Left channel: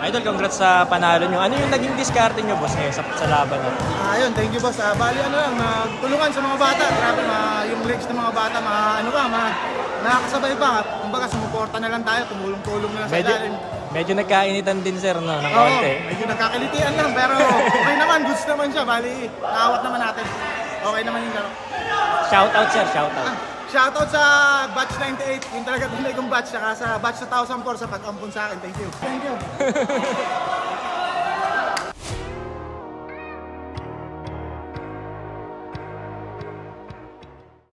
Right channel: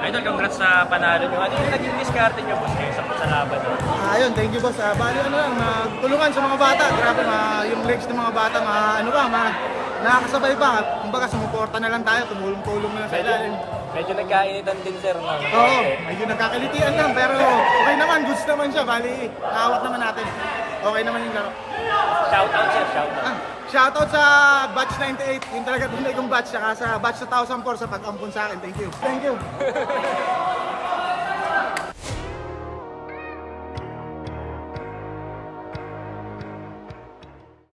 Idol, congrats sa panalo nyo. Ano yung naging diskarte nyo, boss, ngayon sa laban nyo? Ayun, thank you, boss. Bali, ano lang, tulungan sa mga bata. Grabe, yung legs ng mga bata, nakakasabay pa. Kumbaga, sumuporta na lang tayo, tumulong-tulong na lang sa ilalim. Medyo nagkainitan din, sir. Oo, medyo nagkakilitian lang, pero okay naman, goods naman siya. Bali, naawat naman natin. Okay naman yung laro. Shoutout, sir, shoutout. Shoutout sa batch 98, yung talaga tunay kong batch, saka sa batch 2004 sa pag-ampun sa akin. Thank you. Thank you.